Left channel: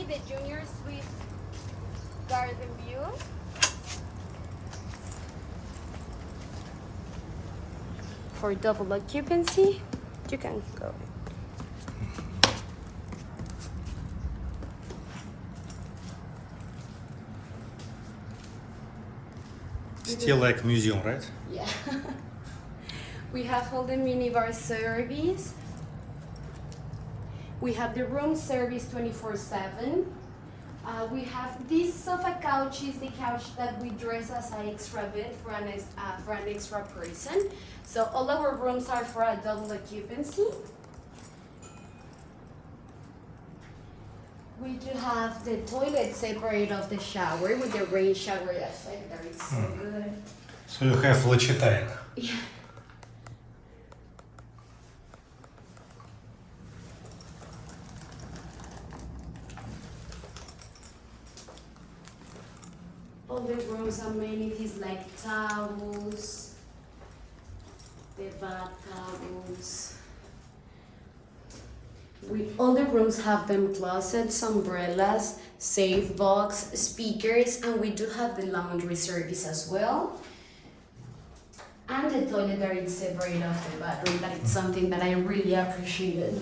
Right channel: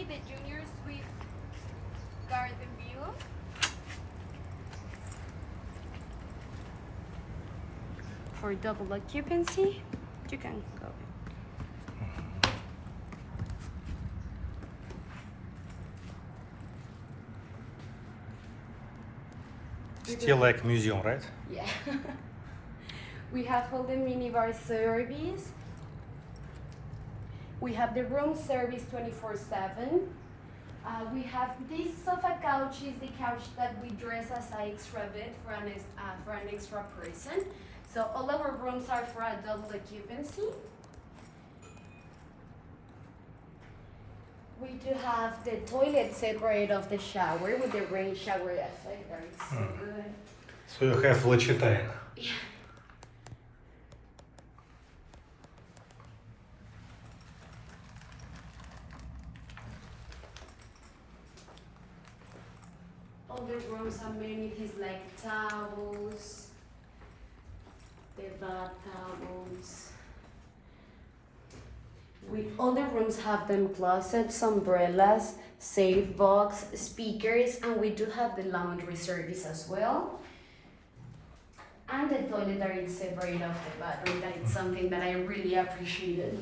balcony, the junior suite garden view. For double occupancy, you can go in. Still like museum, right? Yeah. We have all the minibar service. We have the room service 24/7. We have this sofa couch is the couch that we dress as an extra bed for an extra person. So all our rooms are for a double occupancy. We do have the toilet separate of the shower with the rain shower effect. That is so good. So you have Lachitaina. Yeah. All the rooms amenities like towels, the bath towels. All the rooms have them closets, umbrellas, safe box, speakers, and we do have the laundry service as well. And the toilet that is separate of the bathroom. That is something that I really appreciated.